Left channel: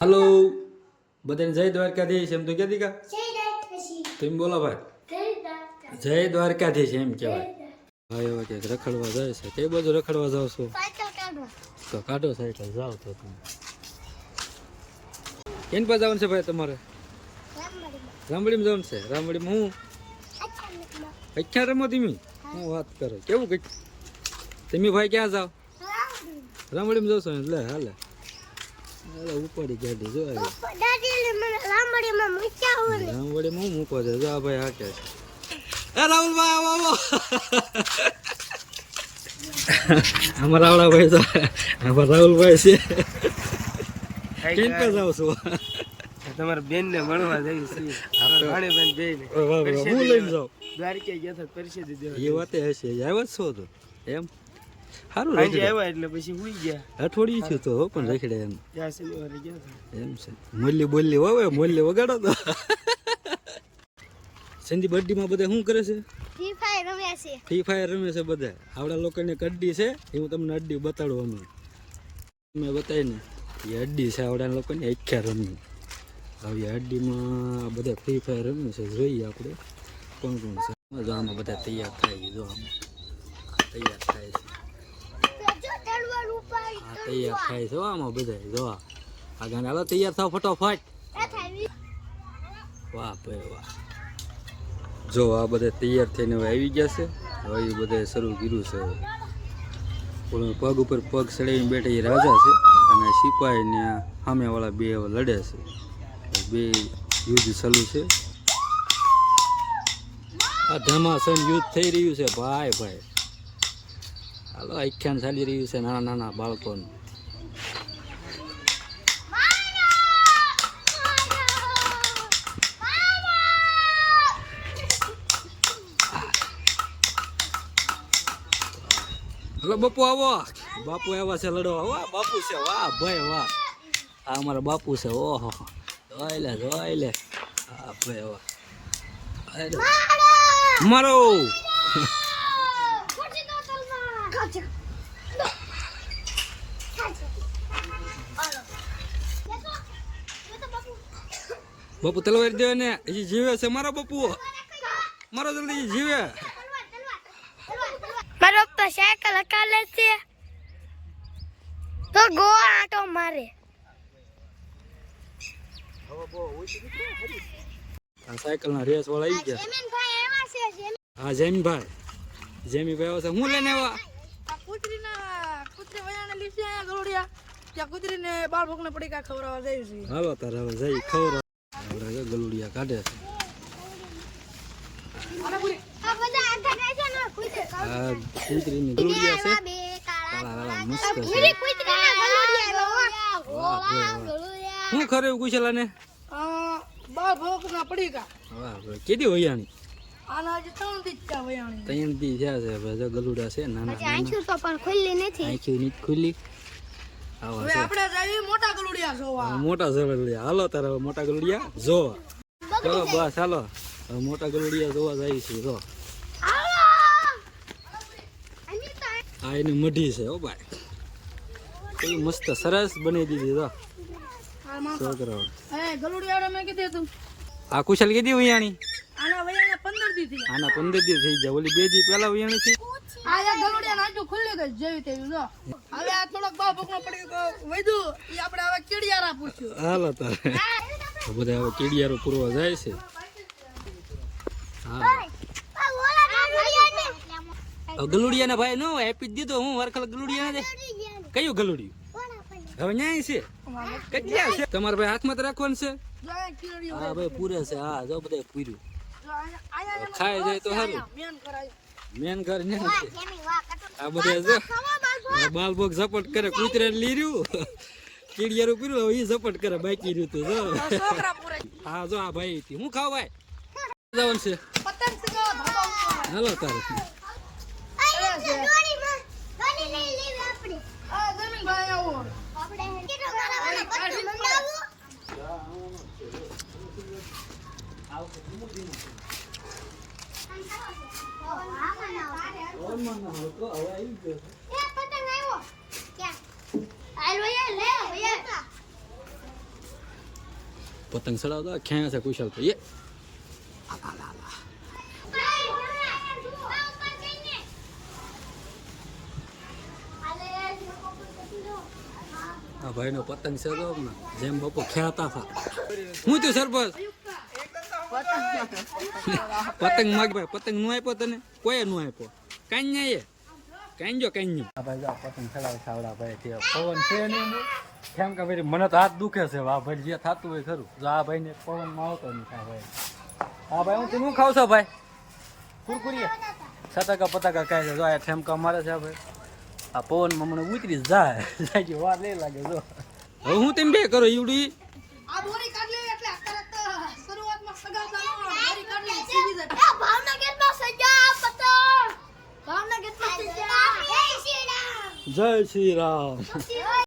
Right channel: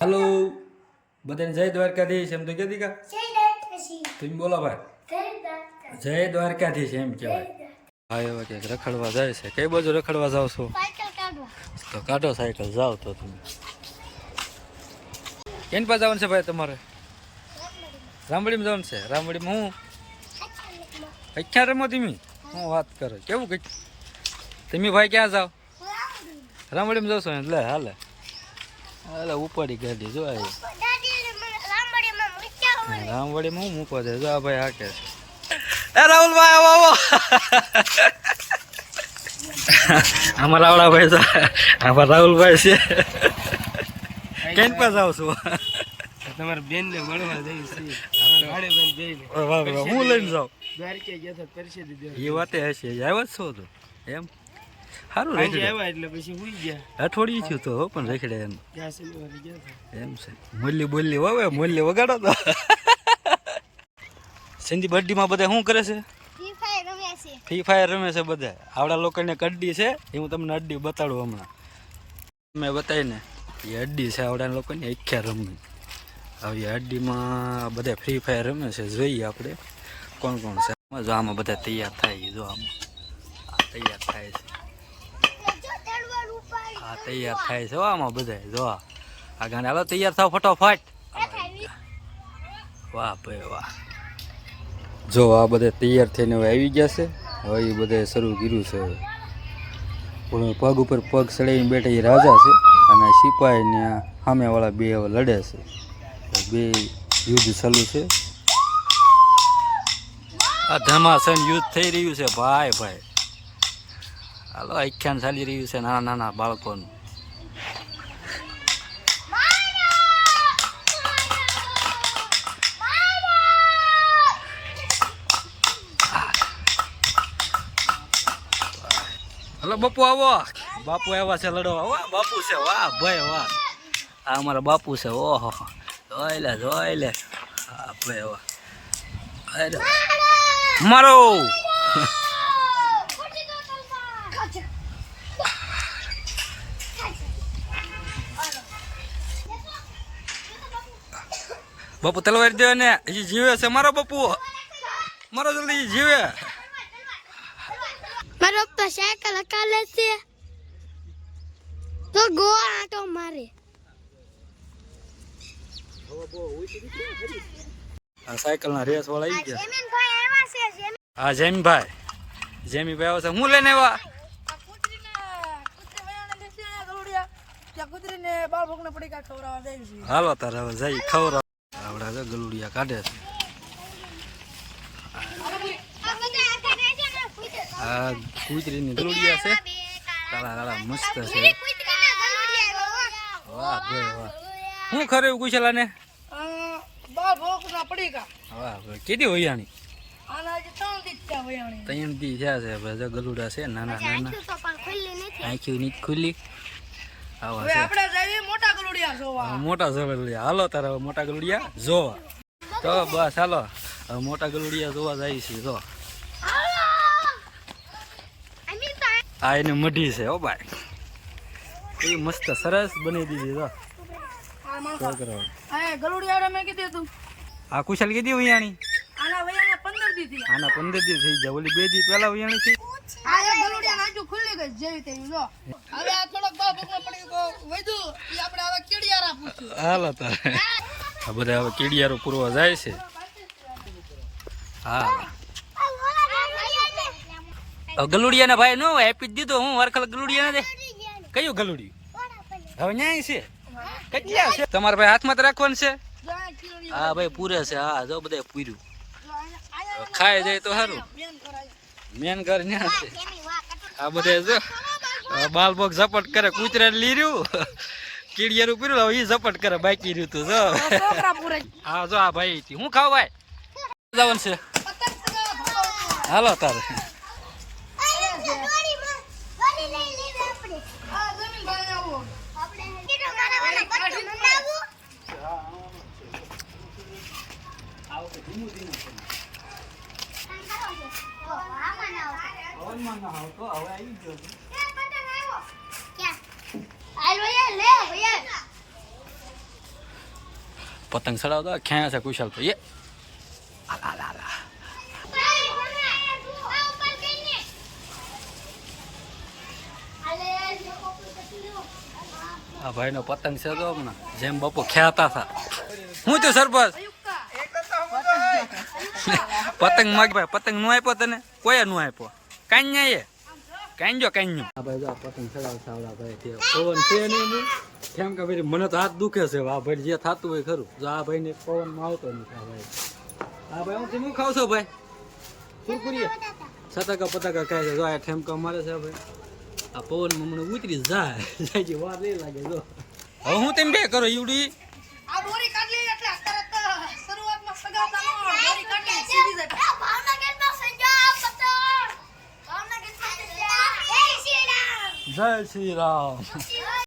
hello बधाने जय Dwarkadhish M तो क्या दीका तुम बोलो भाई जय द्वारकाधीश एम कहेवाय भाई હવે કે રખડવા જાય છે કઈ બાજુ રખડવા જાવ છો સાયકલ કાઢવા તો કાઢો સાયકલ જાવ તો તમે કેન પર જવાનું છે ભાઈ તમારે રામવાડીમાં જવાનું છે રામવાડીમાં હું અખ્યા રમો તમે હું વાત કરો કેવું કઈ તમે ભાઈ ક્યાં જાવ રામવાડીમાં જશો એટલે હાલે હાલે ઉપાડી ગાડી જો આવી રામવાડીમાં હું મૂકવા દે જો આ ભાઈ હાકે છે એ રાહુલભાઈ આવો આવો અમારા આવડા ભાઈ તો અમારા રાહુલભાઈ છે કેમ પર જાવ છો તમારા બેન ને મળવા જઈ છીએ રાણી બેન જઈને હું લઈને જાઉં દ્વારકે ગયા હતા પરિષદ દેવા એ વાતે હશે આવ્યા છો તો એમ સારું આજે રહી આવ્યા એટલે પછી હુઈ ગયા અઠવાડિયું થયું તો પણ રખડે એમ ત્યાં શનિવારે ગયા હતા એમ છે મૂલ્ય બોલી વાવે મૂલ્ય વગાડો તો સિંધી બર્થડેમાં બધા શું કરે છે ફ્રી ફાયર રમે છે બધા આવડા લોકોને અડ્ડી છે એ હું તમને અડ્ડી બતાડું હમણાં મેં બતાવીને એ અડ્ડી છે આવડા લોકોને અખ્યા રમી આવી અડ્ડીમાં બધા ફ્રી ફાયર રમે છે જોઈએ આપણે કોણ કોણ છે જો આમાં બધા તૈયાર થાય જો આમાં તૈયાર થાય છે હા તૈયાર થાય છે આમાં બધા જો આ ગાને હાલો તૈયાર થાવ ફટોફટ વાહ ભાઈ વાહ જો આ બધા તૈયાર થઈને હવે આવી ગયા છે હવે એ બધા શરૂ કર્યું છે હવે પણ પગ ઉપર પગ ચડાવીને બેઠા એ રાજા છે અને સિપાહીને સામેવાળા બે હવે લડે છે બે યુદ્ધ ચાલુ છે આ ધમાસન યુદ્ધ થઈ રહ્યું છે ભાઈ ભાઈ હાલો આખ્યાન ચાલી રહ્યું છે નાના નાના બાળકોનું હલો બાપુ આવો બાપુ આવ્યા છે લડવા વાહ બાપુ છે વાહ ભાઈ વાહ આ અમારા બાપુ છે ઓહો જોઈ લે હા ભાઈ વાહ અરે મારો બાપુ તલવાર દે ને એ જીવે છે મારો બાપુ મારો જલ્દી જીવે મારો પપ્પા સાયકલ હકાલે છે તો ગો આટો મારે આ સાયકલ ના રેસ વાળા આવી ગયા જમીનભાઈ એવા છે હા જેમીભાઈ આવ્યા છે હું લઈને આવ્યા કૂતરી વયાને લીધી આ ગલુડિયા ત્યાં કૂતરીને બાળ ભોગને પડી કા ખવડાવવા જાય છે હાલો તારે હવે જઈ ખવડાવ આવડા છે ગલુડિયા કાઢે છે આ કૂતરીની ગલુડિયા છે કાળા કાળા મસ્ત છે વાહ ભાઈ વાહ હું ખરે એવું કુશલા ને બાળ ભોગના પડી કા વાહ ભાઈ કેદી વૈયાણી આના જે ત્રણ થી ત્યાં વયાણી 3 દી થયા છે ભાઈ ગલુડા છે નાના નાના તો પણ ખુલ્લી નથી આંખી ની ખુલ્લી આવા હવે છે આપણે જઈએ મોટા ગલુડિયા જોવા મોટા ગલુડિયા હાલો તારે હવે મોટા ગલુડિયા જોવા તો બસ હાલો હવે મોટા ગલુડિયા જોવા જાય છે જો આ એની મઢી છે હો ભાઈ એ મસ્ત સરસ બની દીધી તો છોકરાઓ એ ગલુડિયા મેં કીધું તું આ કુશલ કીધી વૈયાણી આના વયાને 15 દી થી આના 15 દી થઈ જાય ઓલી 2 દી પહેલા વૈયાણી થી આ એક ગલુડિયા નાચું ખુલ્લી ગઈ જેવી તેવી જો હવે આ થોડોક બાળ ભોગનો પડી વૈધું એ આપણે હવે કીડિયારા પૂછ્યું હાલો તારે આ બધા હવે કીડિયારો પૂરવા જાય છે હા ગલુડિયા ને ભાઈ નો આપી દીધો હું વરખલ ગલુડિયા ને દે કયું ગલુડિયું હવે ન્યાય છે કેટલા છે તમારા ભાઈ હાથમાં તો રાખવાનું છે હા ભાઈ પૂરે છે હા જો બધા પૂર્યું ખાઈ જાય તો સારું મેન ઘર ન્યા છે આ બધા જો બાલ બોગ ઝપટ કરે કૂતરા લીર્યું કીડિયારું પૂર્યું હવે એ ઝપટ કરે બાકી રહ્યું તું જો હા જો આ ભાઈ હું ખાવ ભાઈ જવાનું છે હાલો તારે પતંગ ચડાવતો ખેંચે છે કુશાલ ભાઈ આ ભાઈ નો પતંગ છે તો હમણાં જેમ બાપુ ખેતા હતા હું તો સરપંચ પતંગ માગ ભાઈ પતંગ નું આપ્યો તને કોઈ નું આપ્યો કાંઈ એ કાંજો કાંજો આ ભાઈ જો પતંગ ચડાવ સાવડા ભાઈ તે પવન છે નહીં હું કેમ કે ભાઈ મને તો હાથ દુખે છે આ ભાઈ જે થતું હોય ખરું જો આ ભાઈ ને પવન માં આવતો નથી આ ભાઈ હું તમે ખાવ છો ભાઈ કુરકુરી સતાકા પતાકા કહે છે જો આ ઠેમકા મારે છે આ ભાઈ આ પવન માં મને ઉતરી જાય જાય વાર લઈ લાગે જો હવે હું તેમ બે કરો ઈવડી આ દોરી કાઢ લે એટલે તરત શરૂઆતમાં સગાવતા નો દોરી કાઢ લે સીધી જાય ભાવનગરમાં સજા પતંગ ભાવનગરમાં સજા જય શ્રી રામ જય શ્રી રામ